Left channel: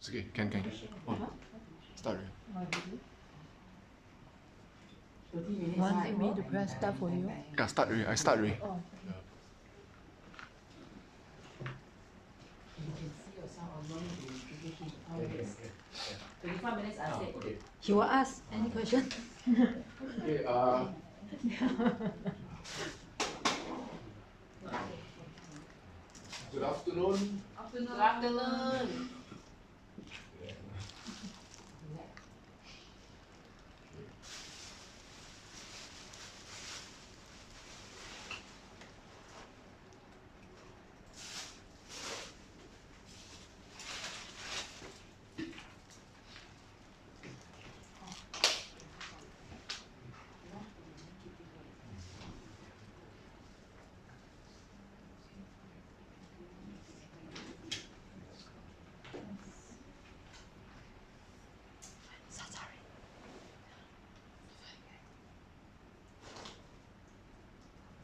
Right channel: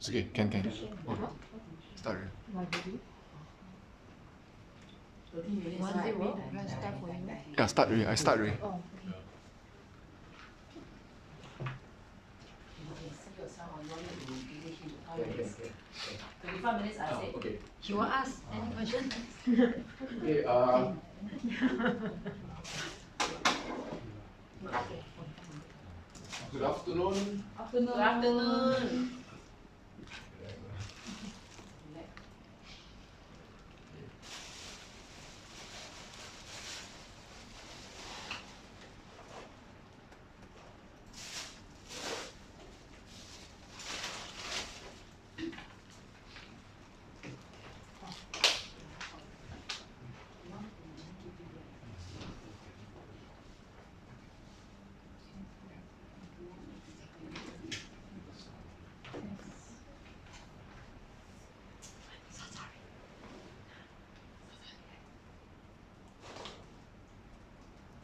It's okay, can. Oh, start already. 30 minutes. Want me to press start for you? Yeah, start already. I start already. Oh, You can see yourself or you want me to give you 5 minutes? 25 minutes, I say. Okay. he will ask any question. Okay. Good afternoon. Good afternoon.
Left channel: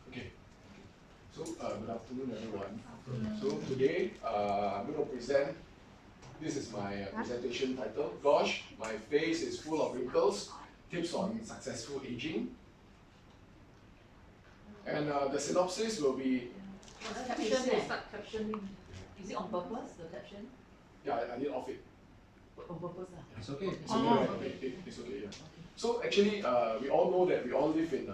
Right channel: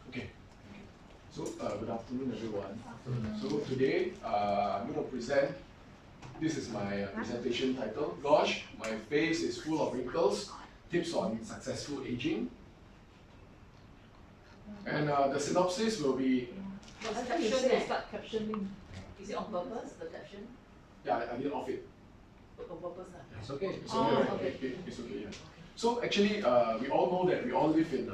Okay. So, good afternoon, everyone. So today, I'm going to present. This is my presentation title. Gosh, my face is full of wrinkles. Tips on successful aging. And the synopsis will be. What's the caption? Start captioning. Is it on purpose, the caption? Yeah, I did off it. On purpose? It's okay. It's Oh, okay, right? okay. It's okay, yeah. So actually, we all know that we all live in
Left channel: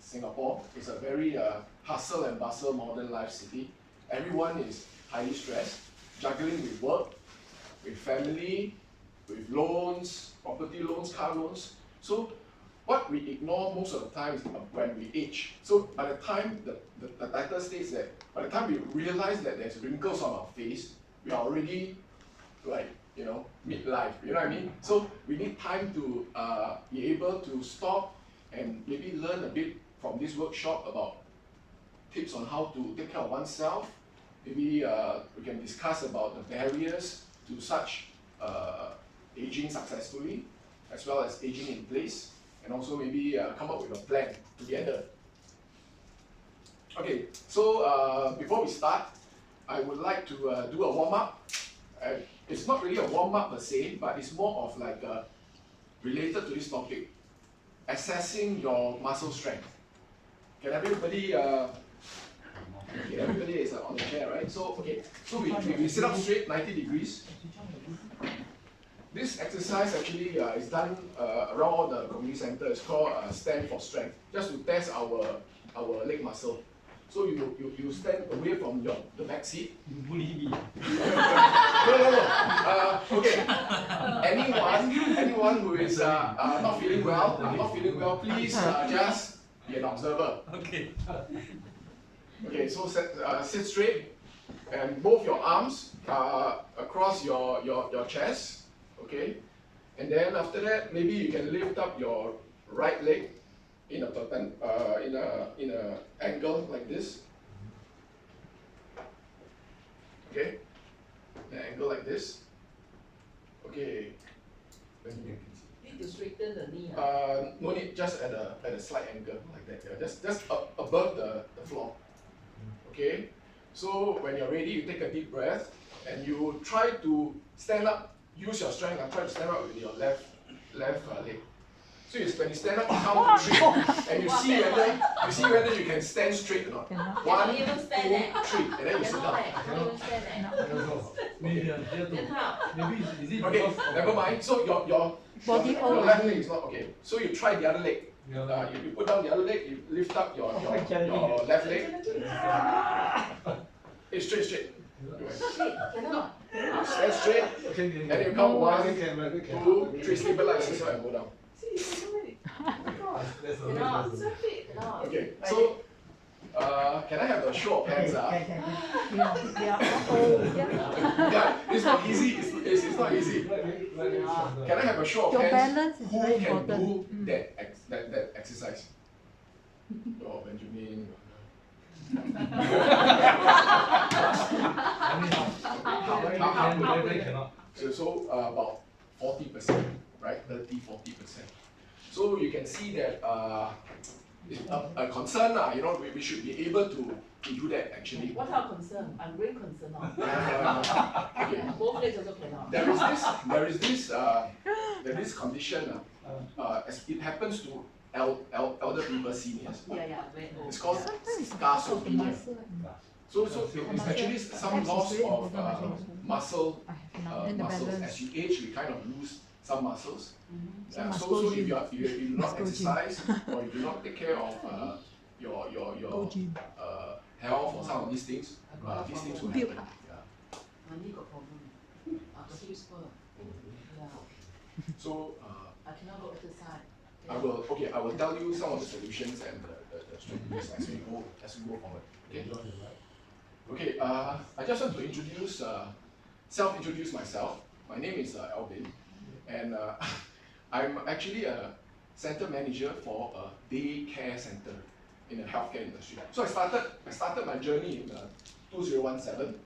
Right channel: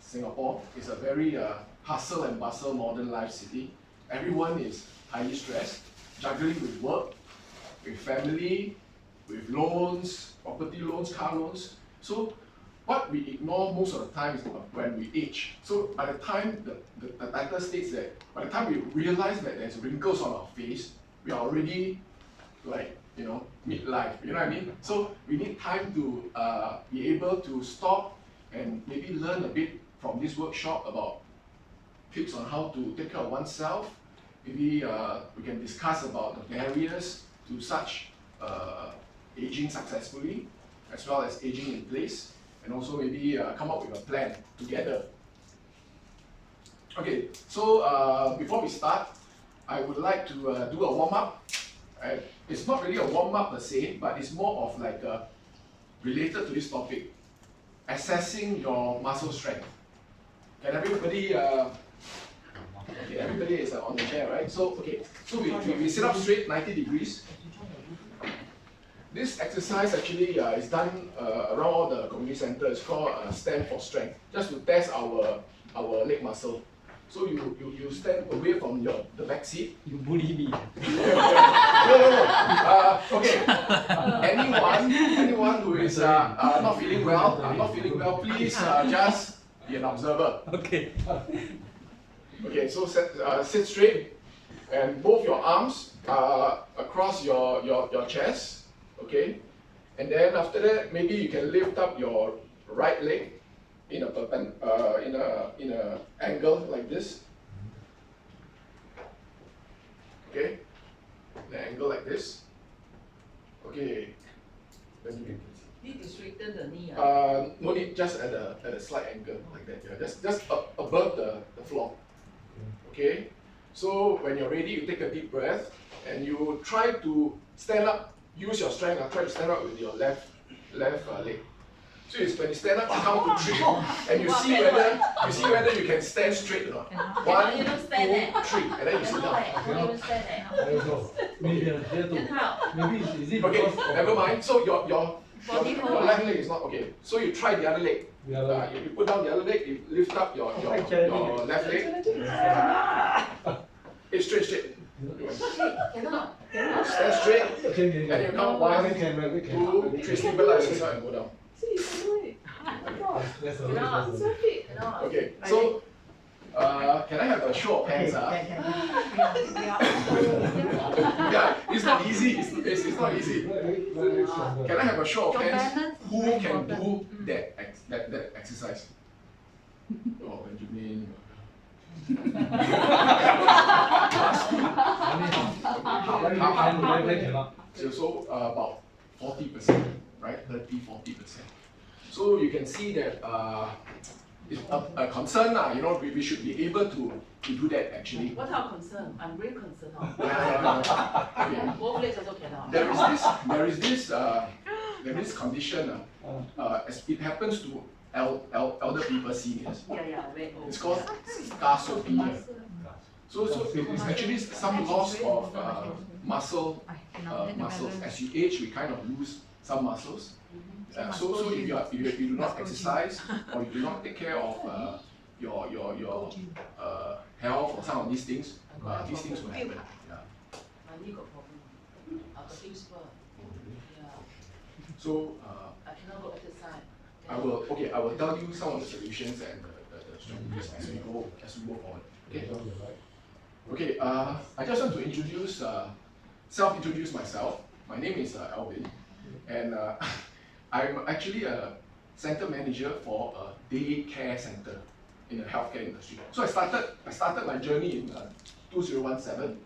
Singapore. It's a very hustle and bustle modern life city. Everyone is highly stressed, juggling with work, with family, with loans, property loans, car loans. So what we ignore most of the time is when we age. So by the time, the title states that by the time we realize that there's wrinkles on our face, we are already like, midlife, you know what I mean? So we need time to be able to stop and maybe learn a bit from this workshop about tips on how to take care of oneself. Maybe we can discuss about the barriers to such aging successfully, as well as aging in place, and also maybe come up with a plan together. Okay, so before we start, I would like to do a warm-up. It's not really a warm-up per se, but it's more of like related to this topic, assessing your muscle strength. Can everybody, okay, everybody is on the chair, right? So, okay, so we sit up straight, 90 degrees. This exercise actually is done around all the community centers. It's called stand for strength, just to test our leg muscle. So you stand away from the back seat. You bully me. No. Okay. Anyone who is not feeling well, please just be an observer. Okay. Okay. So sit straight, and both your arms across your chest. Okay. And then after that, maybe you can lift up your right leg in a angle like this. Okay, an angle like this. Okay. Then you Need to straighten the knee. no need, just at a slight angle like that. Yeah, just above the floor. Okay. So when you're ready, you take a deep breath and you try to stand up. Use your strength. Try to stand up with your left leg. So when you stand up, you count to 3, and you see whether you can stand straight or not. 1, 2, 3, and then you sit down. Maybe is it Okay, because never mind. So your left leg is not okay. So you try the other leg. Yeah. You put down the other leg. You lift up your left leg. Hey, straight. Stand straight. Okay. And you count 1, 2, 3. Stabilize yourself and go down. Okay, so can I have a show of hands? Yeah, it's not easy. It's not easy. Can I have a show of hands? Who can do that exercise? Oh, Benjamin. So about 40%, right? 30-40%. So you can see that it's a concern, you know, we should be able to do that actually. What our concern? I'm very concerned now. Okay. Both legs also cannot. There is this condition, as it happens to elder people, seniors. Yeah, very old. It's called scarsopenia. So it's actually some loss of muscles. As you age, we kind of lose some muscles. So if you do not exercise or you do not take care of your health or some of these things will happen. Yeah. My knee got problem. The hip spur. Yeah. So I cannot go exercise. I will tell you some of the solutions and the strategies as we go forward. Okay. Okay. I just want to self-introduce myself. My name is Alvin, and I'm actually a center manager for a daycare center in the healthcare industry. So I started my journey in 2017.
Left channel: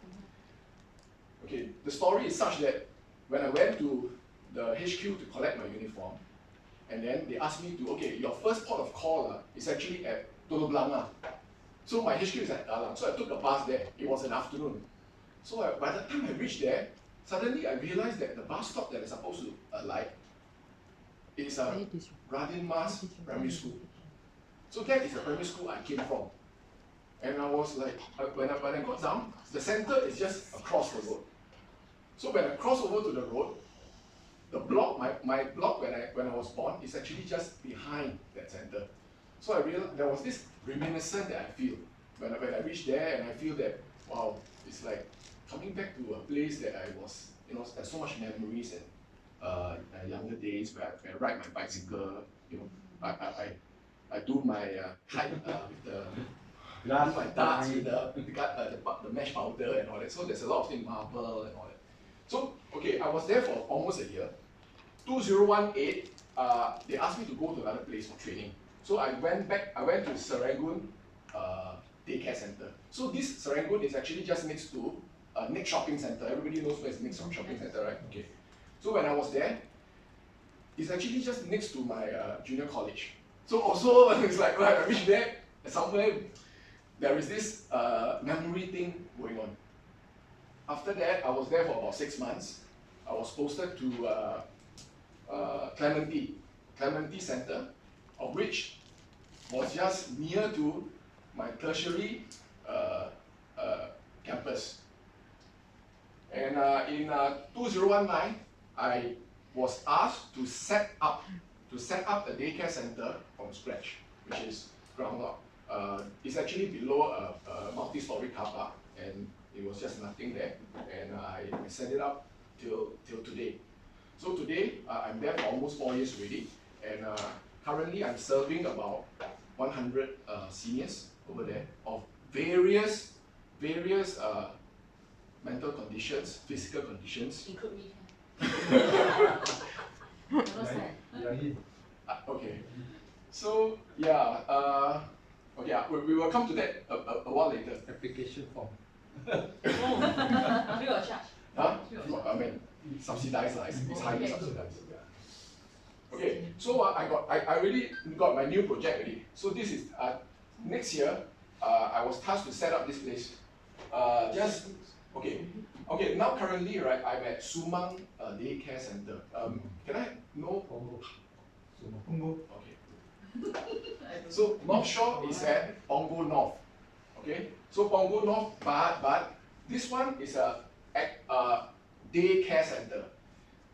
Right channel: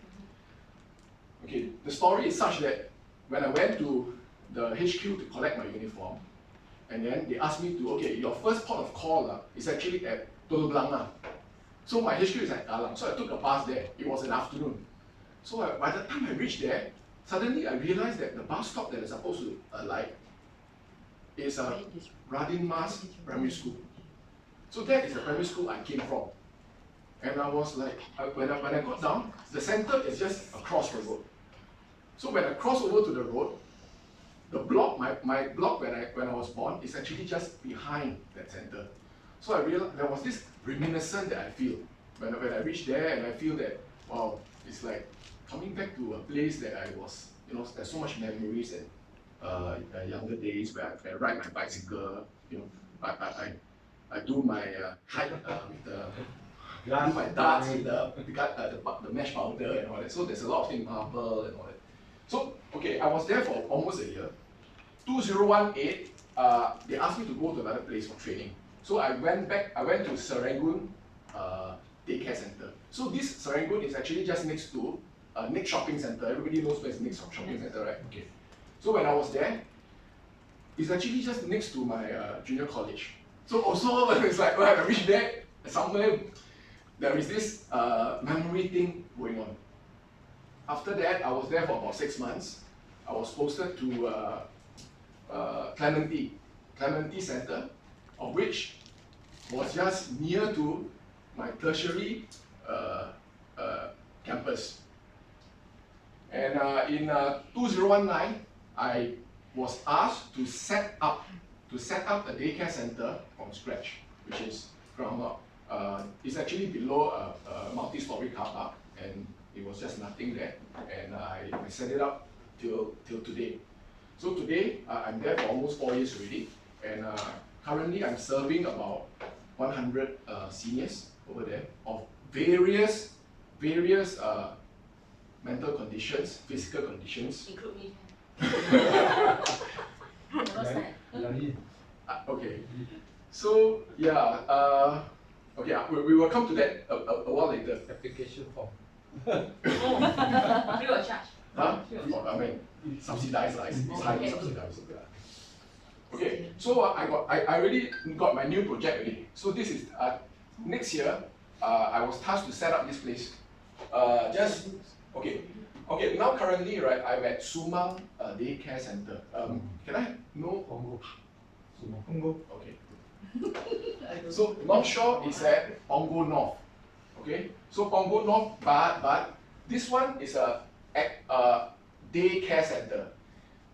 Okay, the story is such that when I went to the HQ to collect my uniform, and then they asked me to, okay, your first port of call is actually at Telok Blangah. So my HQ is at Kallang, so I took a bus there. It was an afternoon. So by the time I reached there, suddenly I realized that the bus stop that is supposed to alight is Radin Mas Primary School. So that is the primary school I came from. And I was like, when I got down, the center is just across the road. So when I cross over to the road, the block, my block when I was born is actually just behind that center. So I realized there was this reminiscence that I feel when I reached there, and I feel that, wow, it's like coming back to a place that I was, you know, there's so much memories and younger days where I ride my bicycle, you know, I do my hike with do my darts with the mesh powder and all that. So there's a lot of things, marble and all that. So okay, I was there for almost a year. 2018, they asked me to go to another place for training. So I went to Serangoon Daycare Center. So this Serangoon is actually just next to Nick Shopping Center. Everybody knows where is Nick Shopping Center, right? Okay. So when I was there, it's actually just next to my junior college. So also it's like when I reached there, somewhere there is this memory thing going on. After that, I was there for about 6 months. I was posted to Clementi Center, of which was just near to my tertiary campus. And in 2019, I was asked to set up a daycare center from scratch, which is ground up. It's actually below a multi-story car park, and it was just nothing there. And I set it up till today. So today, I'm there for almost 4 years already, and currently I'm serving about 100 seniors over there of various mental conditions, physical conditions. Include me. Okay. So yeah, okay, we will come to that a while later. Application form. Free of charge. Huh? I mean, subsidized, it's highly subsidized. Yeah. Okay, so I already got my new project already. So this is next year. I was tasked to set up this place. Okay. Now currently, right, I'm at Sumang Daycare Center. Can I know? Punggol. Okay. So North Shore is at Punggol North. Okay. So Punggol North, but this one is a daycare center.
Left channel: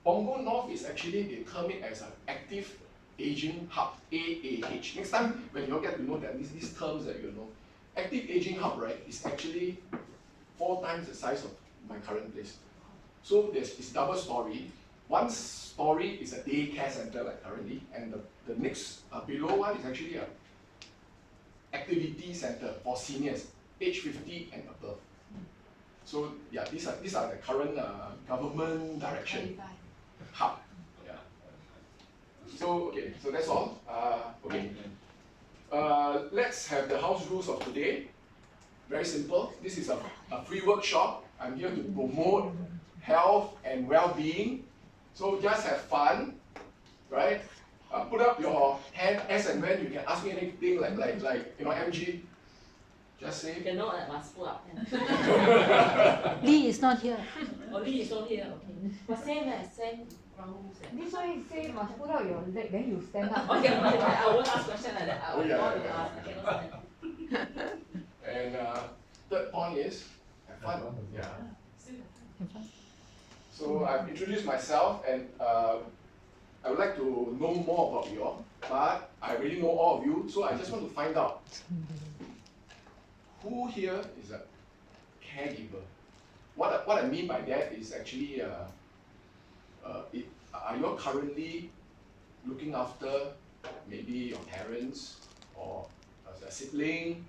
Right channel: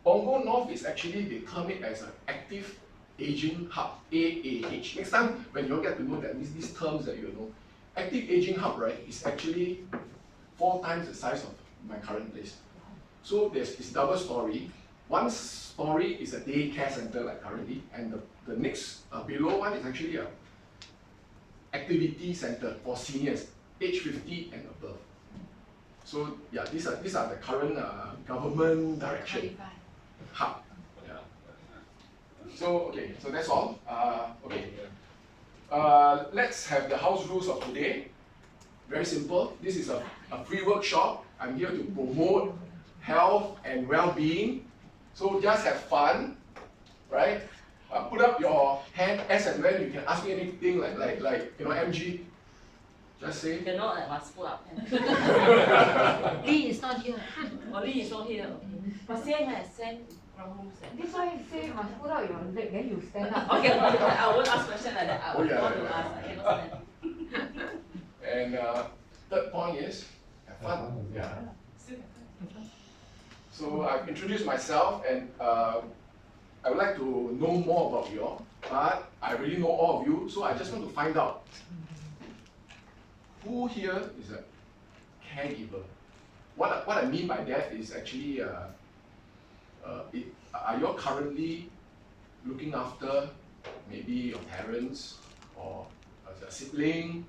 Punggol North is actually, they term it as an active aging hub, AAH. Next time when you get to know that these terms that you know, active aging hub, right, is actually 4 times the size of my current place. So it's double story. One story is a daycare center like currently, and the next below one is actually a activity center for seniors, age 50 and above. So yeah, these are the current government direction hub. Yeah. So okay, so that's all. Okay. Let's have the house rules of today. Very simple. This is a free workshop. I'm here to promote health and well-being. So just have fun, right? put up your hand as and when you can ask me anything like you know, MG. Just say. You cannot must put up. Lee is not here. Oh, Lee is not here. Okay. But same ground rules. This one say must put out your leg, then you stand up. Okay, I won't ask question like that. I Oh, want yeah, to yeah, ask. I cannot stand. And third point is have fun. Yeah. Still have fun. So I've introduced myself, and I would like to know more about you all, but I already know all of you, so I just want to find out who here is a caregiver. What I mean by that is actually, are you all currently looking after maybe your parents or a sibling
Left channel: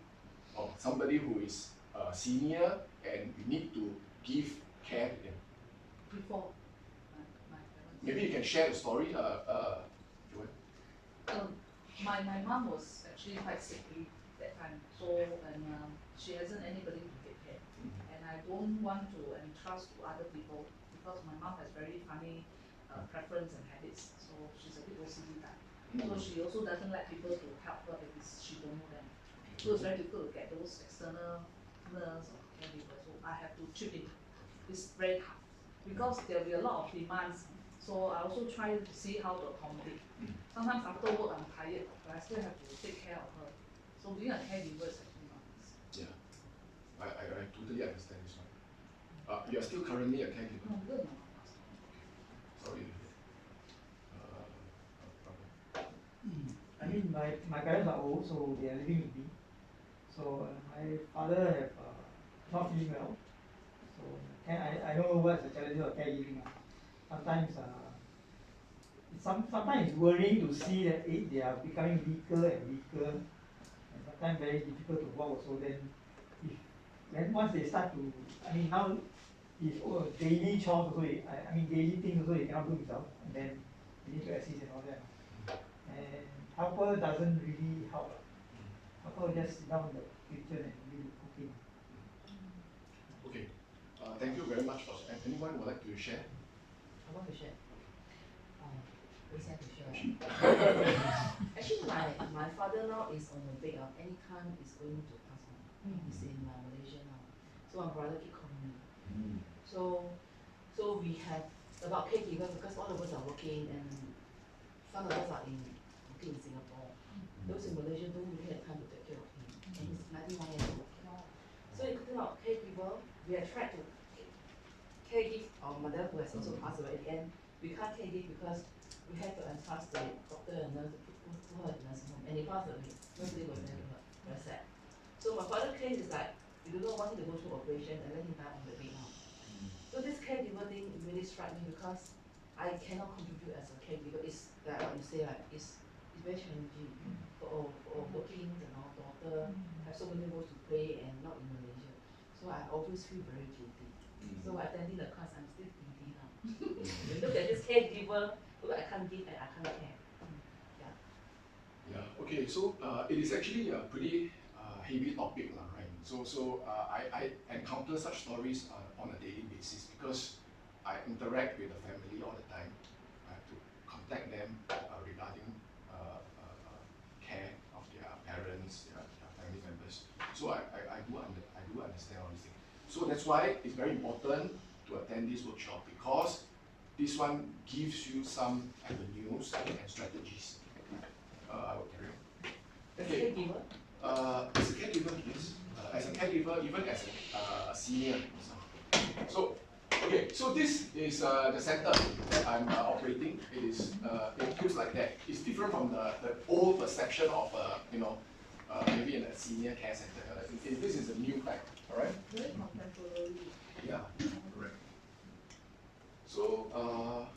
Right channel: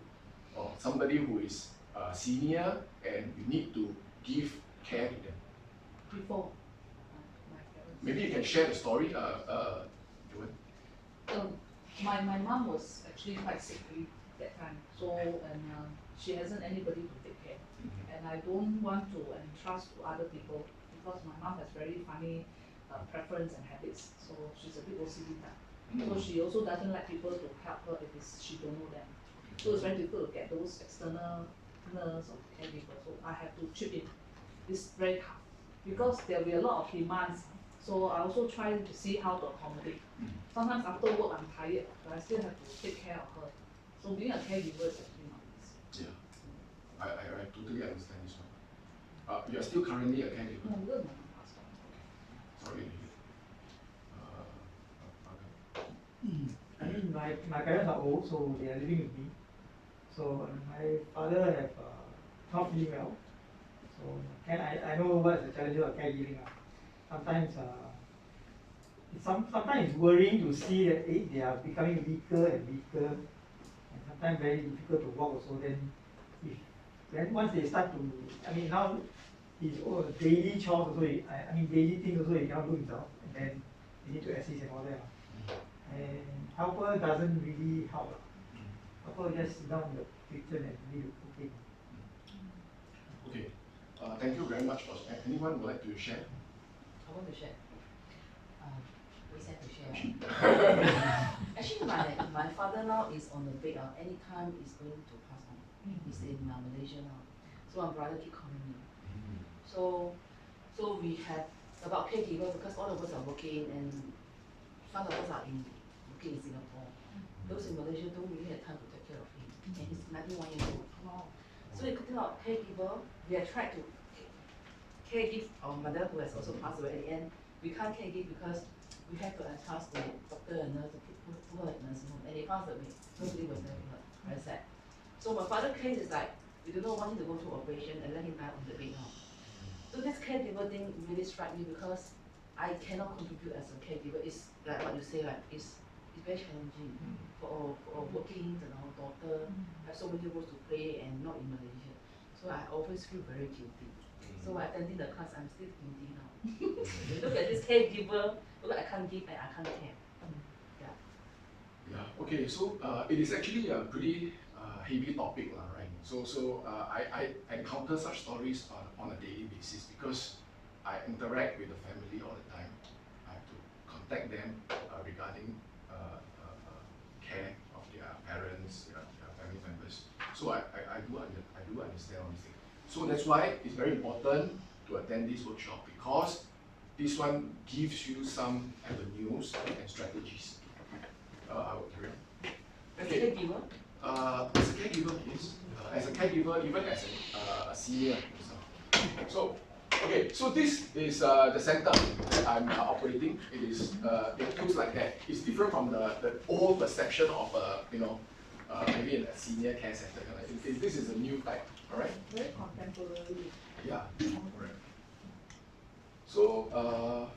or somebody who is senior and you need to give care to them? Before my parents. Maybe you can share the story, Joanne. My mom was actually quite sickly that time, so she hasn't anybody to take care, and I don't want to entrust to other people because my mom has very funny preference and habits, so she's a bit OCD type. So she also doesn't like people to help her if she don't know them. So it's very difficult to get those external nurse or caregiver. So I have to chip in. It's very tough because there will be a lot of demands. So I also try to see how to accommodate. Sometimes after work I'm tired, but I still have to take care of her. So being a caregiver is actually not easy. Yeah, I totally understand this one. You are still currently a caregiver? No, good, my mom passed on. Sorry to hear. I mean, my parents are old, so they are living with me. So my father have not been well. So I know what's the challenge of caregiving. Sometimes sometimes it's worrying to see that they are becoming weaker and weaker, and sometimes very difficult to walk also. Then once they start to, I mean now his daily chores also, I mean daily things also he cannot do himself, and then we need to assist and all that. And helper doesn't really help. Helper just sit down in the kitchen and leave it cooking. Okay, thank you very much. Anyone would like to share? I want to share. We said to share. Actually, my father now is on the bed. Anytime is going to pass on. He's in Malaysia now. So my brother keep calling me. So we have about caregiver because all of us are working and some of us are working in Singapore. Those in Malaysia don't really have time to take care of him. And he's 91 years old. So we could out caregiver. We have tried to caregive our mother who has also passed away. At the end, we can't caregive because we have to entrust the doctor and nurse to put her in nursing home. And he passed away. Nobody was there with her. Very sad. So my father's case is like, we do not want him to go through operation and let him die on the bed now. So this caregiver thing really struck me because I cannot contribute as a caregiver. It's like what you say, like it's very challenging for working and our daughter have so many roles to play and not in Malaysia. So I always feel very guilty. So attending the class, I'm still guilty now. You look at this caregiver, look, I can't give and I can't care. Yeah. Okay. So it is actually a pretty heavy topic, right? So I encounter such stories on a daily basis because I interact with the family all the time. I have to contact them regarding care of their parents, their family members. So I do understand all these things. So that's why it's very important to attend this workshop because this one gives you some avenues and strategies. I will carry on. As a caregiver? As a caregiver, yes. As a caregiver, even as a senior. So, okay, so this is the center that I'm operating. It looks like that. It's different from the old perception of maybe in a senior care center. This is a new type, all right? Very contemporary. Yeah, correct. So,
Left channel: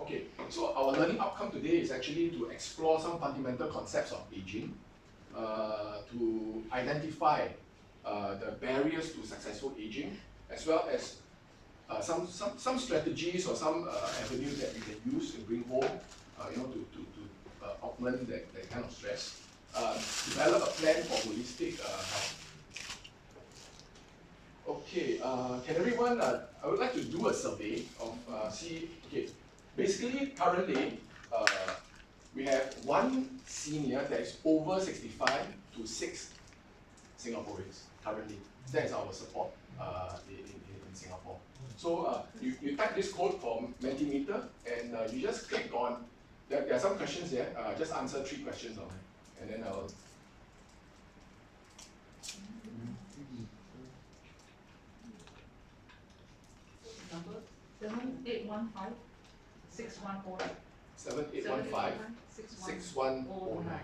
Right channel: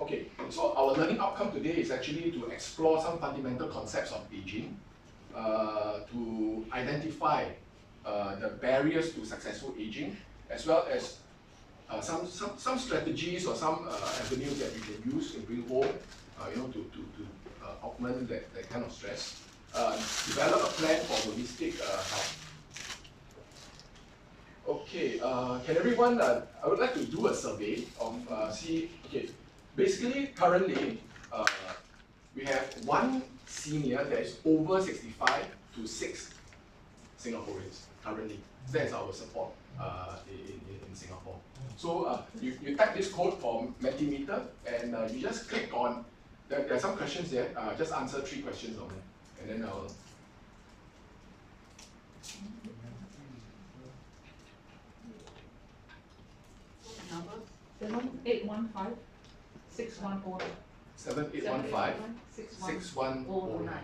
okay, so our learning outcome today is actually to explore some fundamental concepts of aging, to identify the barriers to successful aging, as well as some strategies or some avenues that you can use to bring home, to augment that kind of stress. Develop a plan for holistic health. Okay, can everyone, I would like to do a survey of, basically currently, we have one senior that is over 65 to 6 Singaporeans currently. That is our support in Singapore. So you type this code for Mentimeter and you just click on, there are some questions there, just answer 3 questions on it, and then I'll. Number? 7815 6109. 7815 6109.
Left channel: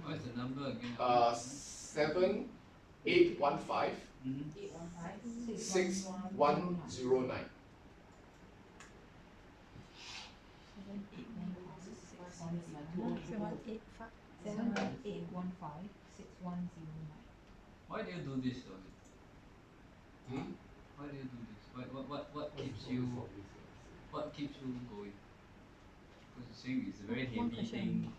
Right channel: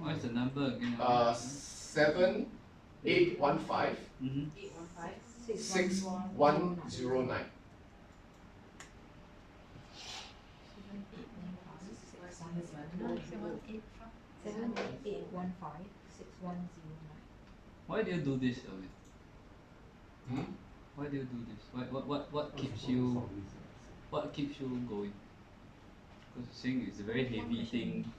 What is the number again? 7815 6109. Why do you do this, Alvin? Hmm? Why do you do this? What keeps you going? Because saying it's a very heavy thing,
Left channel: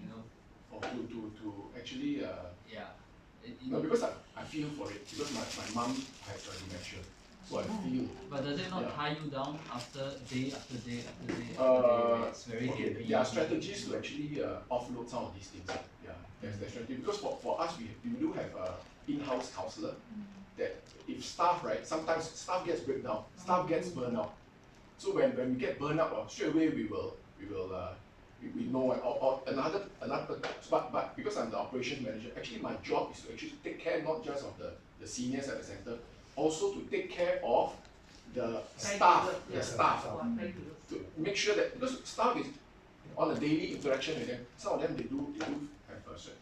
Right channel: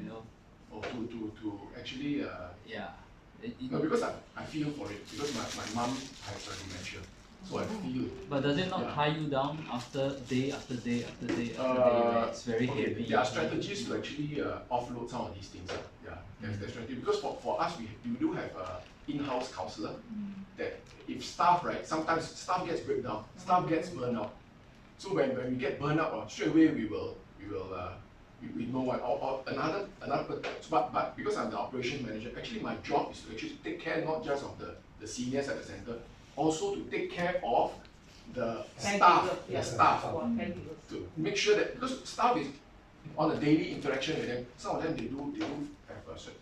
you know. Or to actually Yeah. no, because I feel for it, because my mom has dementia, so I feel. But does it not Yeah. tie you down after day after day after day after day? Right? It's very Okay, heavy. there are strategies to actually offload some of these things. Yeah, there's strategy, because for us we do have a in-house counselor that if staff, right, sometimes staff gets breakdown, staff gets burned out. So when we get burned out, straight away we know what, or another but because I'm the operations manager, actually my job is to actually take care not just of the seniors at the center, also to take care of the staff, to make sure that, because staff is on a daily interaction with them, some of them they do have a stress.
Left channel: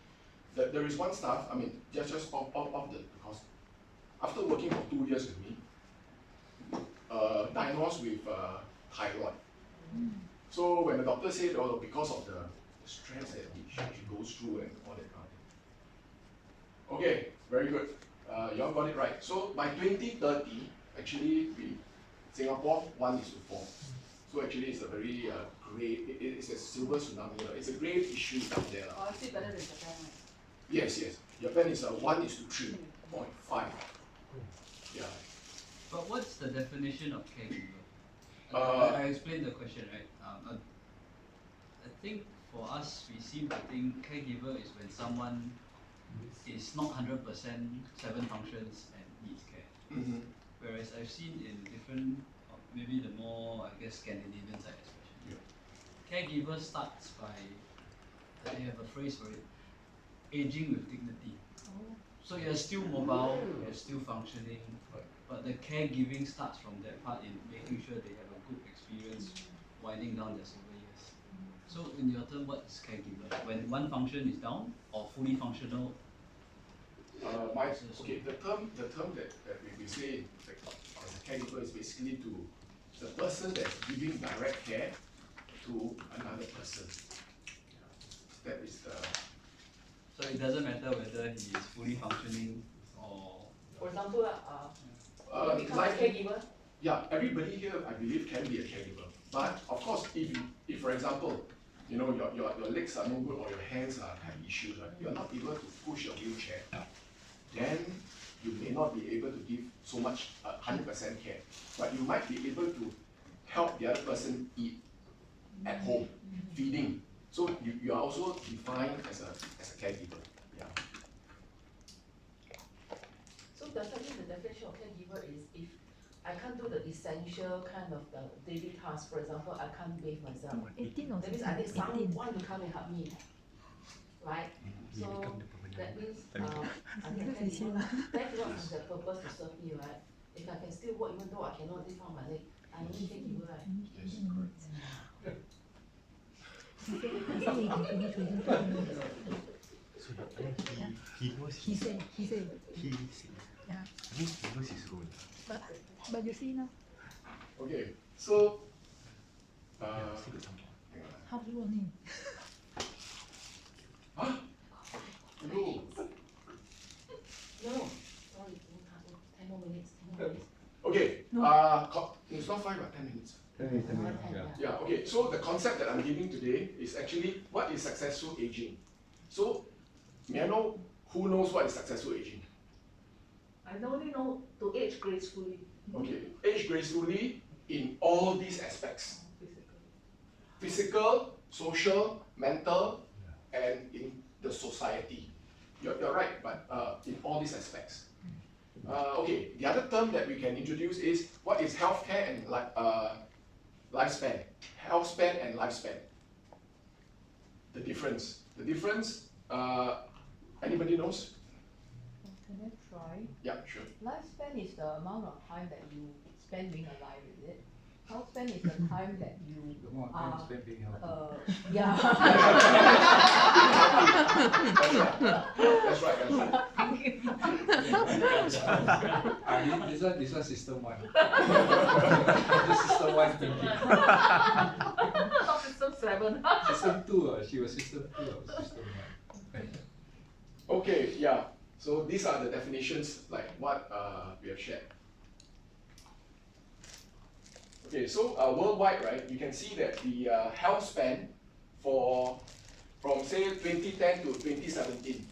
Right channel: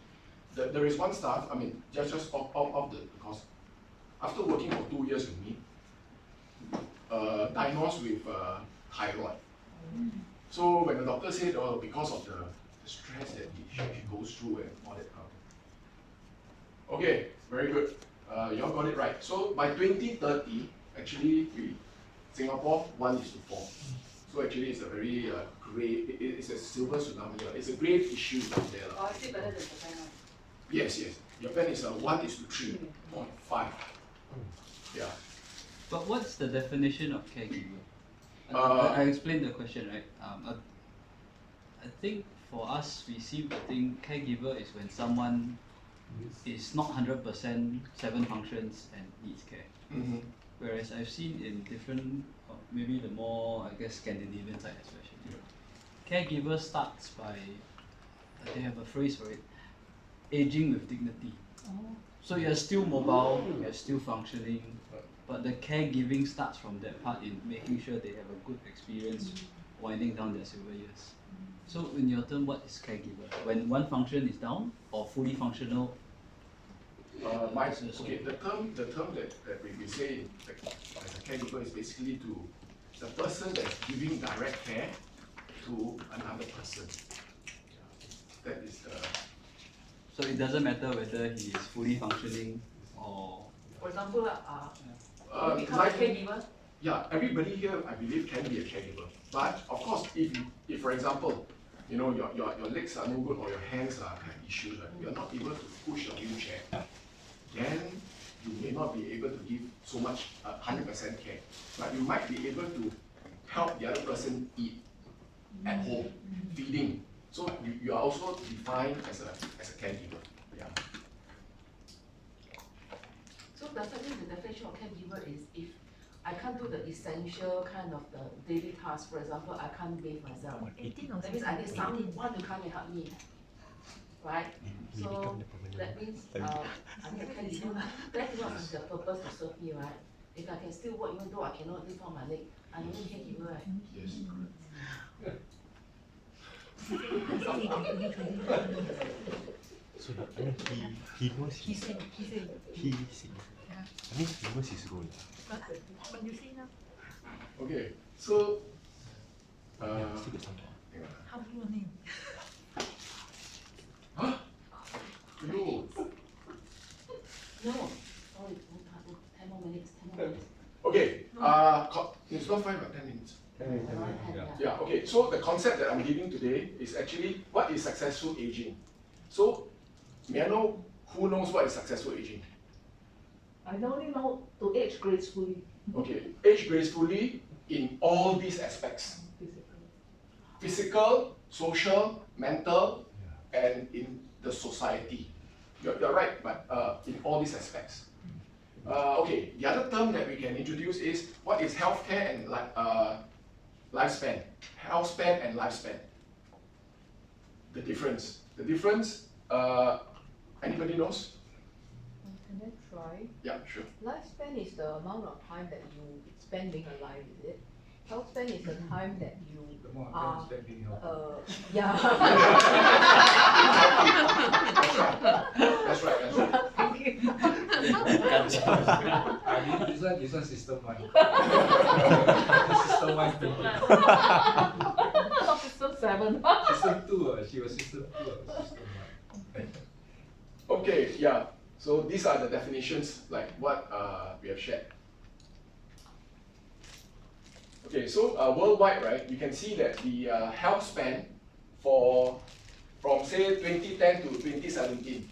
There is one staff, I mean, just off because after working for 2 years with me, diagnosed with thyroid. So when the doctor said, oh, because of the stress that she goes through and all that kind of thing. Okay, very good. Y'all got it right. So by 2030, actually, Singapore 1:4. So actually, it's a very great. It's a silver tsunami. It's a great issue down there. Oh, is it better than Japan? Yes. Japan is a 1:3.5. Yeah. But what's the definition of caregiver? I explained the question, right? I think for us, we seem to think caregiver is when someone is not 100% 7 functions and needs care. Mm-hmm. Whereas I've seen in different, maybe the more, I guess, Scandinavian side especially, caregiver starts by, they have a phrase for it, aging with dignity. So you're still mobile, you're still functioning, but the caregiving starts from that part in making sure they have a good experience winding down their silver years. So in your term, what is caregiver? When one function is down or fully functional? Okay, the term that we say as a caregiver is basically the person that's giving direct care to another person. That is the. So it doesn't matter whether he is fully functioning or. For example, you become a like, caregiver. Yeah, everybody here, I believe, can be a caregiver. But of course, if for example, you know, your legs are no good or your hands have issues, right? You're not able to push a wheelchair, then you may not be able to give so much 100% care. But you might be able to help the other person eat at home, feeding. So you are also defined as a caregiver. Yeah. So definitely the definition of caregiver is if I can't do the essential kind of the daily task. For example, I can't bathe myself. 18 or That means I need 18. someone to come and help me, right? So that means I need a caregiver. Caregiver has the purpose to serve me, right? If I can still work even though I cannot lift on my leg, I need a caregiver, right? Yes, correct. So I mean, he knows. He said. He said. Yeah. I mean, he knows his role. But you see now, Okay, so Still got some more. hang on. how's your name? Huh? No. No, sorry, 10 more minutes, 10 more minutes. Okay, it's not 5 or 10 minutes. 10, yeah. Yeah, okay, so the concept that I'm giving today is actually what is successful aging. So, may I know Who knows what is successful aging? I only know to age gracefully. Okay, age gracefully in all these aspects. Physical, social, mental, and in the society. You're right, but in all these aspects. Okay, the other term that we can introduce is what is healthcare and lifespan. Health span and lifespan. The difference. The difference, anybody knows? Can I try? Yeah, sure. Lifespan is the amount of time that you spend being alive, is it? Health span is the time that you are, yeah. That's right, that's right. This one system one. This system one thinking. Not system 7. System 2, she was system 2, I was system 1. Okay, yeah. So these are the definitions like what we have shared. Okay, so worldwide, right, you can see that the health span from say 2010 to 2017,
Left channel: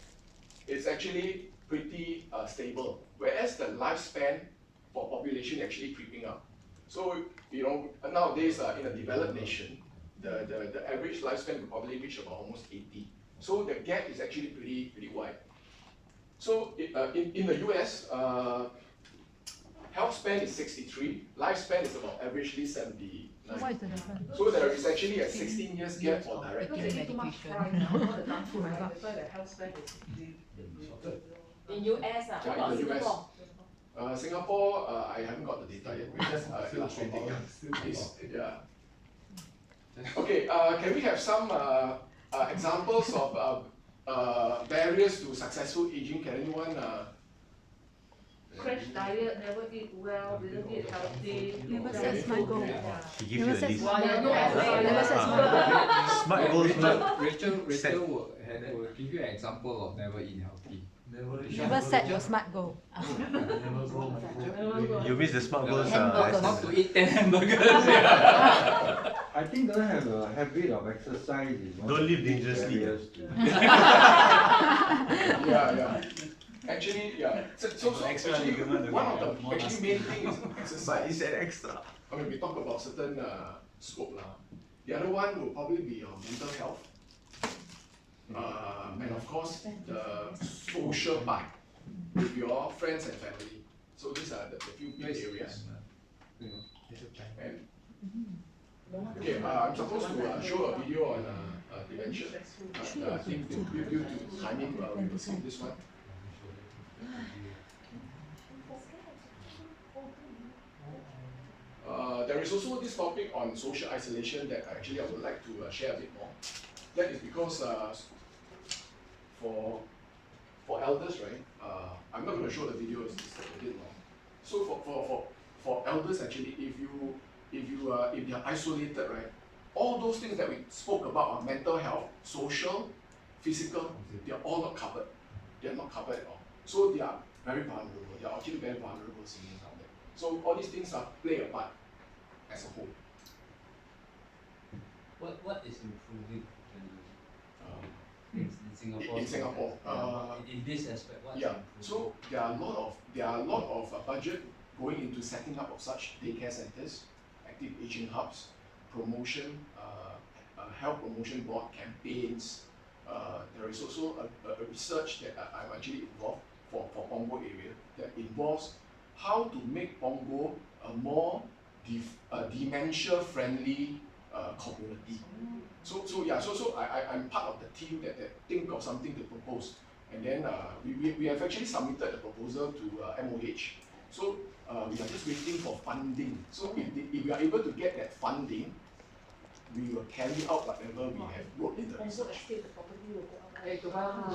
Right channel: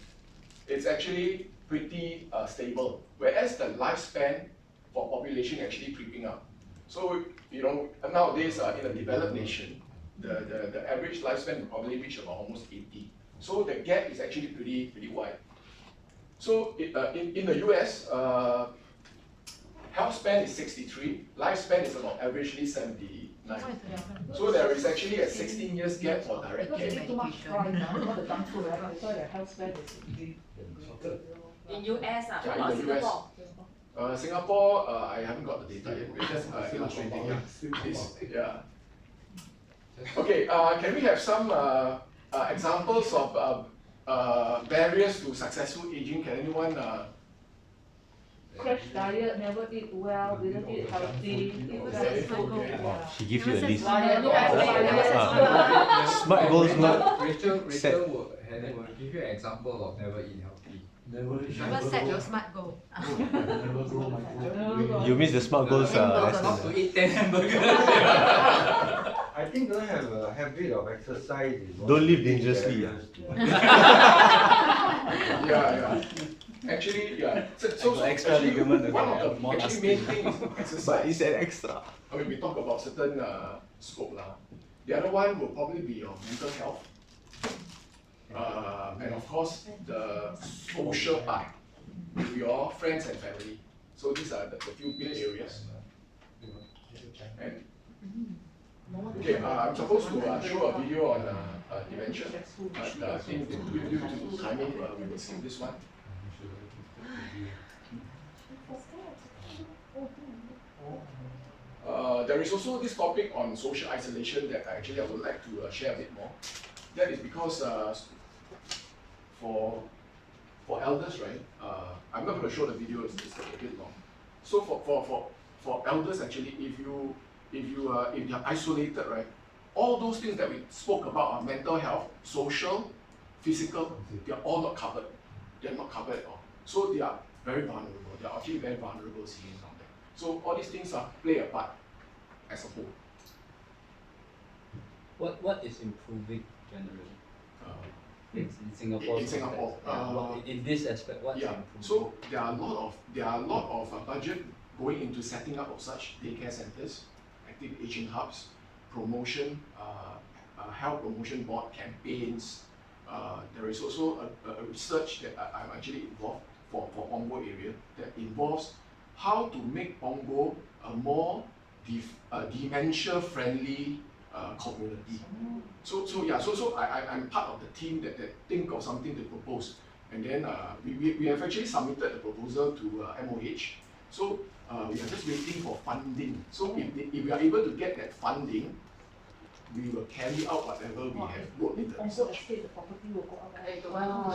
it's actually pretty stable, whereas the lifespan for population actually creeping up. So, you know, nowadays in a developed nation, the average lifespan will probably reach about almost 80. So the gap is actually pretty wide. So in the US, health span is 63, lifespan is about averagely 79. So there is actually a 16 years gap for direct Because care. we eat too much fry now, all the junk food, that's why the health span is In US, Yeah, what in the US. Singapore? Singapore, I haven't got the data yet. We're just illustrating. Yeah. Okay, can we have some examples of barriers to successful aging? Can anyone? crash diet, never eat well, didn't eat healthy, She gives you a list. Smart goals, smart. Rachel set. will give you an example of never eat healthy. Never set your smart goal. You miss the smart goals. Not to eat 10 hamburgers. I think don't have a habit of exercise. Is one Don't of live the big dangerously, barriers to- Yeah. Actually, yeah. So Extra actually, ligament, one okay, of the more actually main thing is exercise. But it's an extra. I mean, we talk about certain scope lah. The other one will probably be your mental health, and of course the social part with your friends and family. So these are the few big areas. And okay, I'm supposed to show a video on dementia, but I think due to timing, we will skip this one. There is also this topic on social isolation that I would like to share a bit more. That is because for elders, right? I'm not going to show the video; it's a bit long. So for elders, actually, if you're isolated, right? All those things that we spoke about are mental health, social, physical. They are all not covered. They are not covered at all. So they are very vulnerable. They are actually very vulnerable seniors out there. So all these things play a part as a whole. What is improving generally? In Singapore. In Singapore, in this aspect, what's yeah. improving? So there are a lot of budget going into setting up of such daycare centers, active aging hubs, promotion, health promotion board campaigns. There is also a research that I'm actually involved for Punggol area that involves how to make Punggol a more dementia-friendly community. So I'm part of the team that think of something to propose, and then we have actually submitted the proposal to MOH. So we are just waiting for funding. So if we are able to get that funding, we will carry out whatever we have worked in the Punggol research. estate, the property will go up. Hey, to Bio.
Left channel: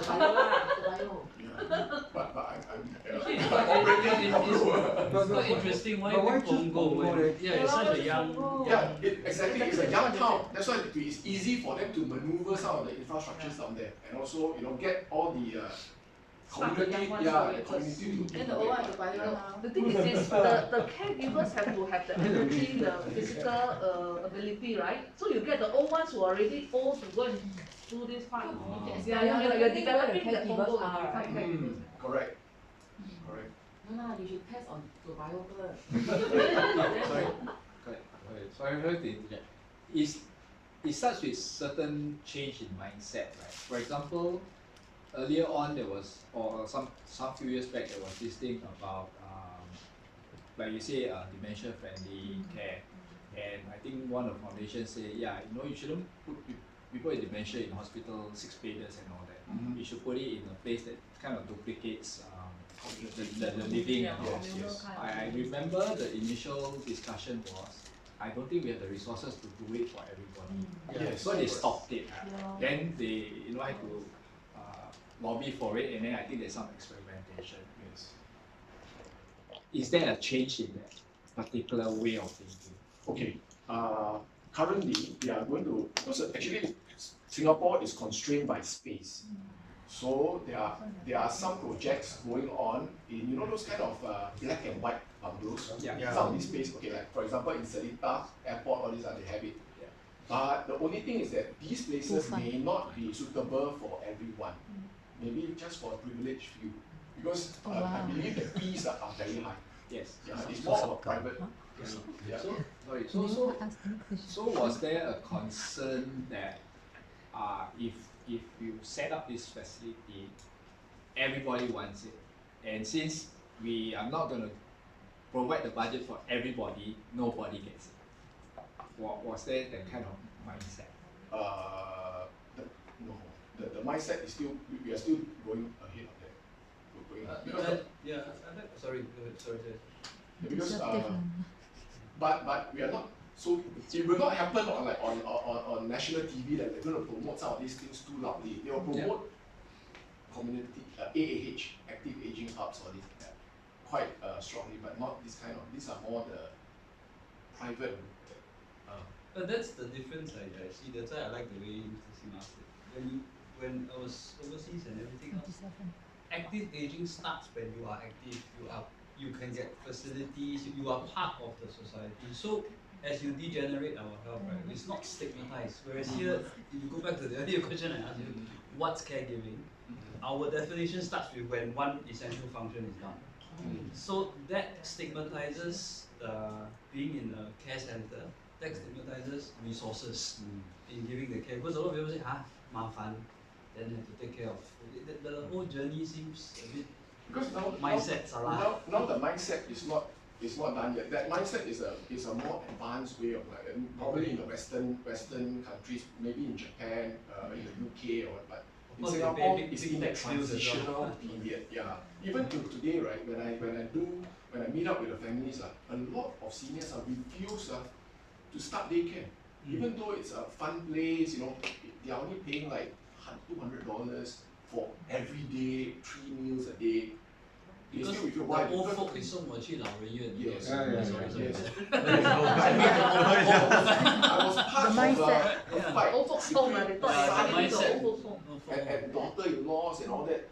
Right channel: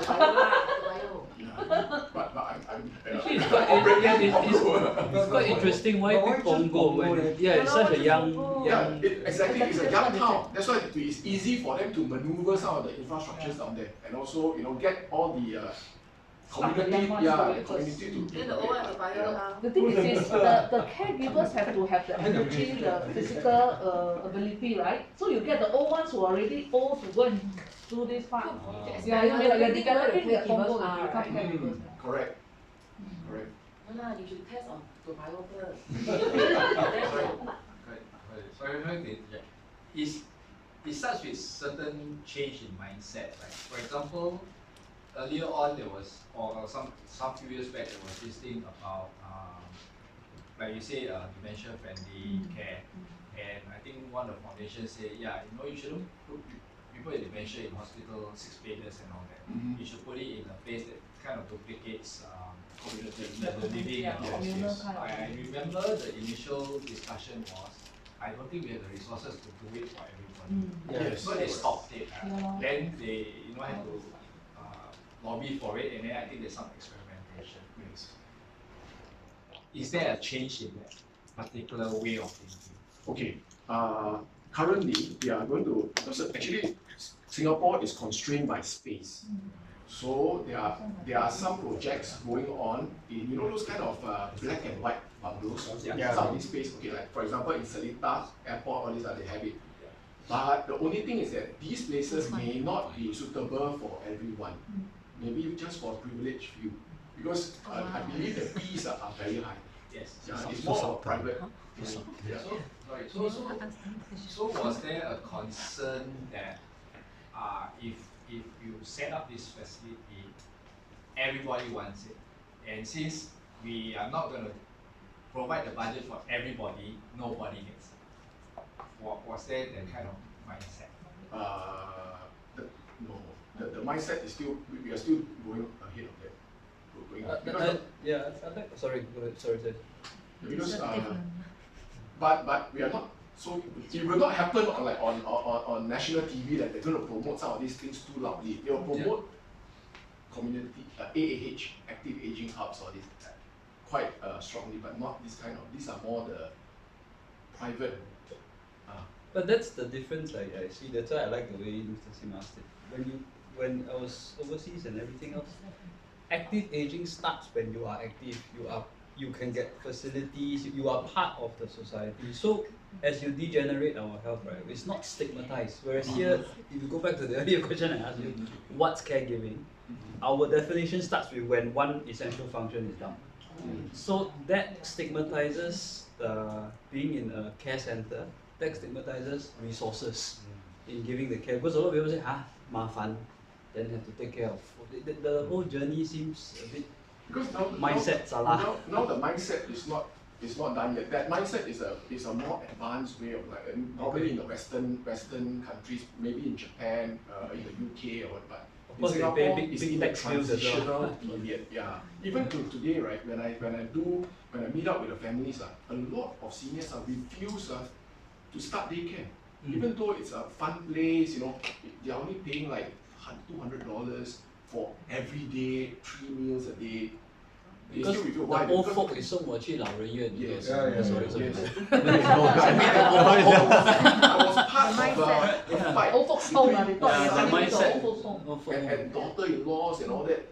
Yeah. But I'm It's quite interesting. Why pick Punggol when it's such a young. exactly. It's a young town. That's why it's easy for them to maneuver some of the infrastructures down there, and also get all the community, community to. Then the old one to Bio now. The thing is the caregivers have to have the energy, the physical ability, right? So you get the old ones who are already old to go and do this part. Yeah, You're the developing the caregivers Congo to are, become right? caregivers. Correct. Correct. No lah, you should test on survival first. Correct. So I'm going to interject. It starts with certain change in mindset, right? For example, earlier on there was, or some few years back, there was this thing about, like you say, dementia-friendly care. And I think one of the foundations say, yeah, you shouldn't put people with dementia in hospital, 6 bedders and all that. You should put it in a place that kind of duplicates the living. Yeah, and all. communal kind of I remember the initial discussion was, I don't think we have the resources to do it for everybody. Yes. So they stopped it. Yeah. Then they, had to lobby for it, and then I think there's some experimentation. Yes. Is there a change in that particular way of thinking? Okay. Currently, we are going to, because actually Singapore is constrained by space. So there are some projects going on in those kind of black and white bungalows. Yeah. Some of these space, okay, like for example in Seletar Airport, all these they have it. But the only thing is that these places may not be suitable for everyone. Maybe just for a privileged few. Because I believe the fees are very high. Yes. Yeah, it's more of a private. Yeah. So was there a concern that if you set up this facility, everybody wants it, and since we are not going to provide the budget for everybody, nobody gets it? Was there that kind of mindset? No. The mindset is still, we are still going ahead of that. Sorry, go ahead. Sorry. Because but we are not, so it will not happen on national TV that they're going to promote some of these things too loudly. They will promote community AAH, active aging hubs, or this quite strongly, but not this kind of. These are more the private. But that's the difference I see. That's why I like the way Mr. Sim asked it. When I was overseas and everything else, active aging starts when you are active. You can get facilities. You are part of the society. So as you degenerate our health, right, it's not stigmatized. Whereas here, if you go back to the earlier question I asked you, what's caregiving? Our definition starts with when one essential function is done. So that stigmatizes being in a care center. That stigmatizes resources in giving the care. Because a lot of people say, 麻烦, then have to take care of. The whole journey seems a bit. Because now mindsets are now the mindset is not done yet. That mindset is a more advanced way of probably in the Western countries, maybe in Japan, in the UK or what, but in Singapore it's in that transitional period. Yeah. Even to today, right? When I meet up with the families, a lot of seniors refuse to start daycare. Even though it's a fun place, they are only paying like $200 for every day, 3 meals a day. Because the old folk is 送我去老人院. Yes. Sorry. I was part of a fight Old folks home, they thought they son were going to the mindset. old folks home. and daughter-in-laws and all that.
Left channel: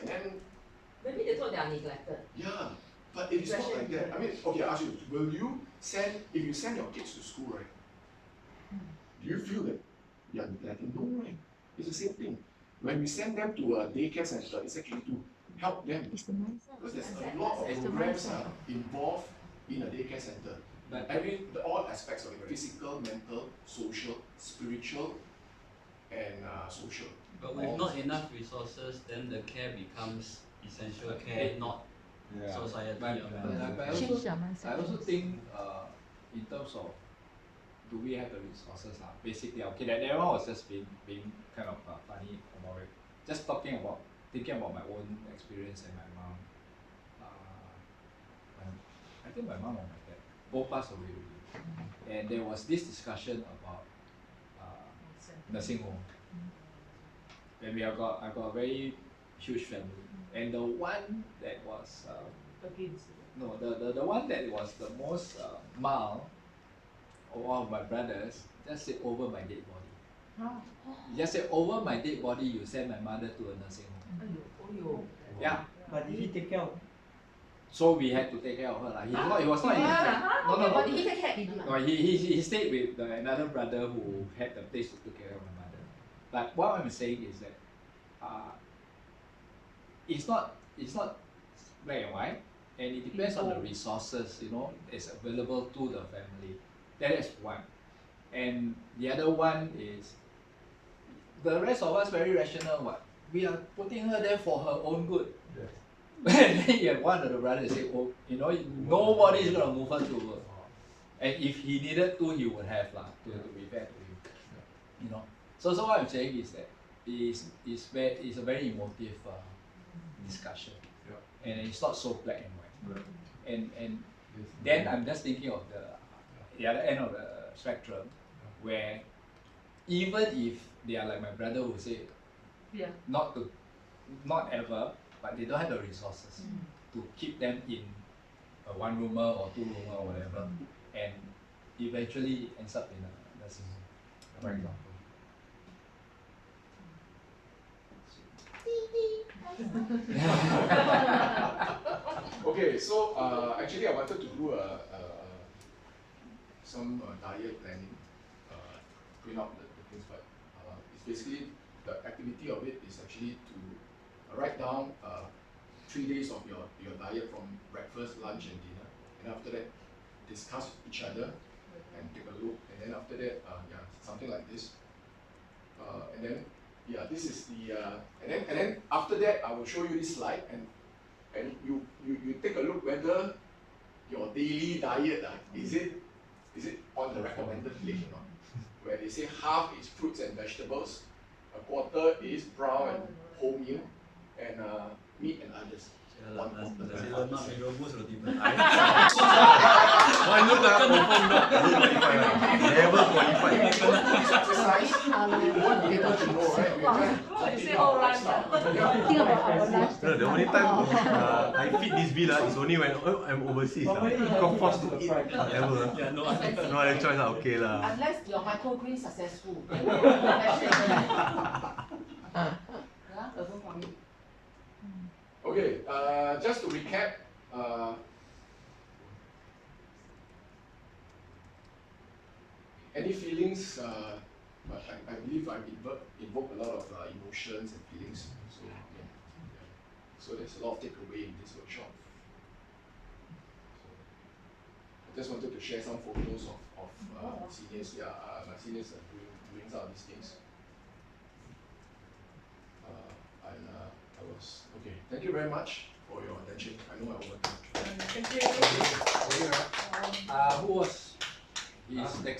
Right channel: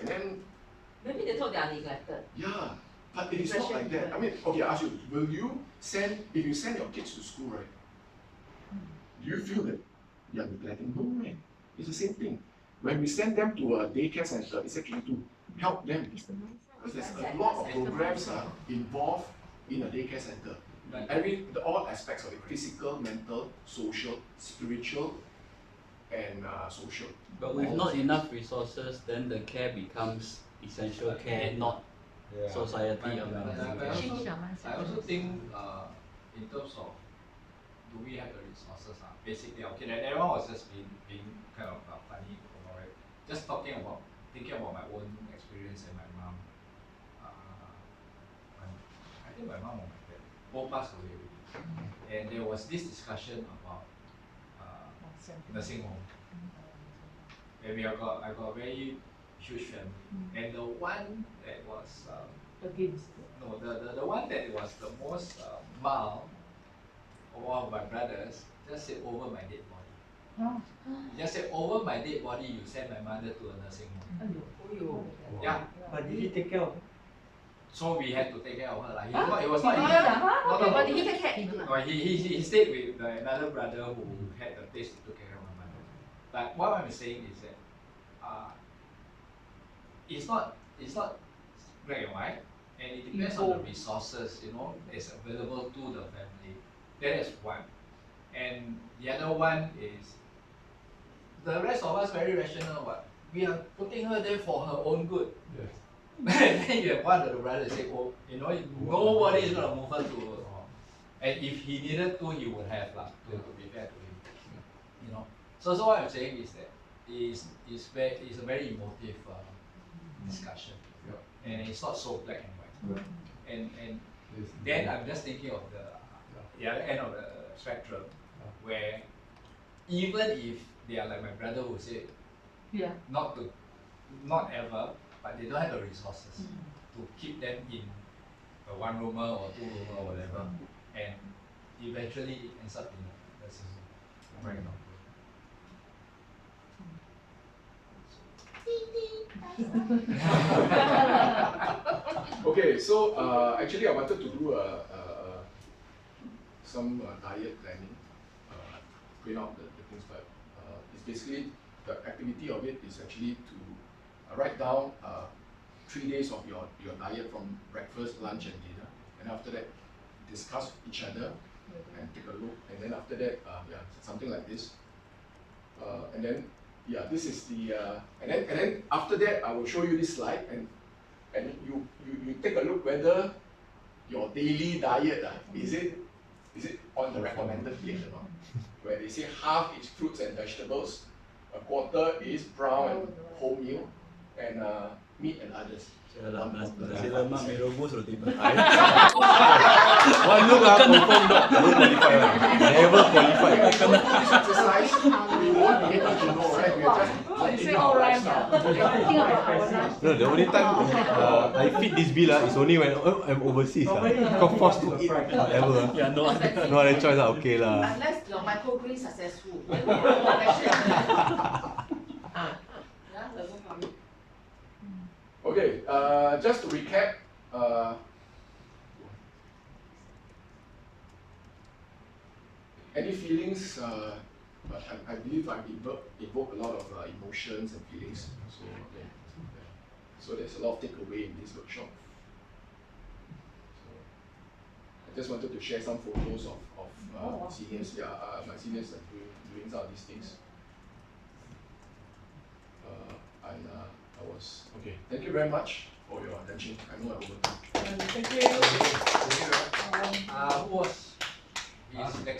And then, Maybe they thought they are neglected. yeah, but it is not like that. I mean, okay, I ask you, if you send your kids to school, right? Do you feel that you are neglecting? No way. It's the same thing. When we send them to a daycare center, it's actually to help them. Because there's a lot of programs involved in a daycare center. All aspects of it: physical, mental, social, spiritual, and social. But with not enough resources, then the care becomes essential care, not society. I also think in terms of do we have the resources now? Basically, okay, that one was just being kind of funny about it. Just thinking about my own experience and my mom. I think my mom or my dad both passed away already. And there was this discussion about nursing home. And I got a very huge family. And the one that was the one that was the most mild of one of my brothers just said, over my dead body. He just said, over my dead body, you send my mother to a nursing home. Yeah. But did he take care of her? So we had to take care of her. He was not. No. But did he take care? No, he stayed with another brother who had the place to take care of my mother. like what I'm saying is that it's not black and white, and it depends on the resources, you know, that's available to the family. That is one. And the other one is the rest of us very rational. What we are putting her there for her own good. Yes. And then you have one of the brothers say, "Oh, you know, nobody is gonna move her to." And if he needed to, he would have lah. To be fair to him, you know. So what I'm saying is that it's a very emotive discussion, and it's not so black and white. And then I'm just thinking of the other end of the spectrum, where even if they are like my brother who said, not ever, but they don't have the resources to keep them in a one roomer or two roomer or whatever, and eventually it ends up in a nursing home, for example. Okay, so actually I wanted to do some diet planning, print out the things, but it's basically the activity of it is actually to write down 3 days of your diet from breakfast, lunch, and dinner, and after that discuss with each other and take a look, and then after that something like this, and then this is the and then after that I will show you this slide, and you take a look whether your daily diet is it on the recommended plate or not, where they say half is fruits and vegetables, a quarter is brown and wholemeal, and meat and others. One look confirm not qualified one. Never qualified. Exercise, you won't be able to know, right? We are just putting our lifestyle. No, the only time I fit this bill is only when I'm overseas. Got forced to eat whatever. No other choice. Okay lah. Unless your microgreens successful. Okay, just to recap, any feelings, but I believe I've evoked a lot of emotions and feelings, so okay. So there's a lot of takeaway in this workshop. So I just wanted to share some photos of seniors. My seniors are doing some of these things. And I was okay. Thank you very much for your attention. I know I overtook. Thank you. Who was his next?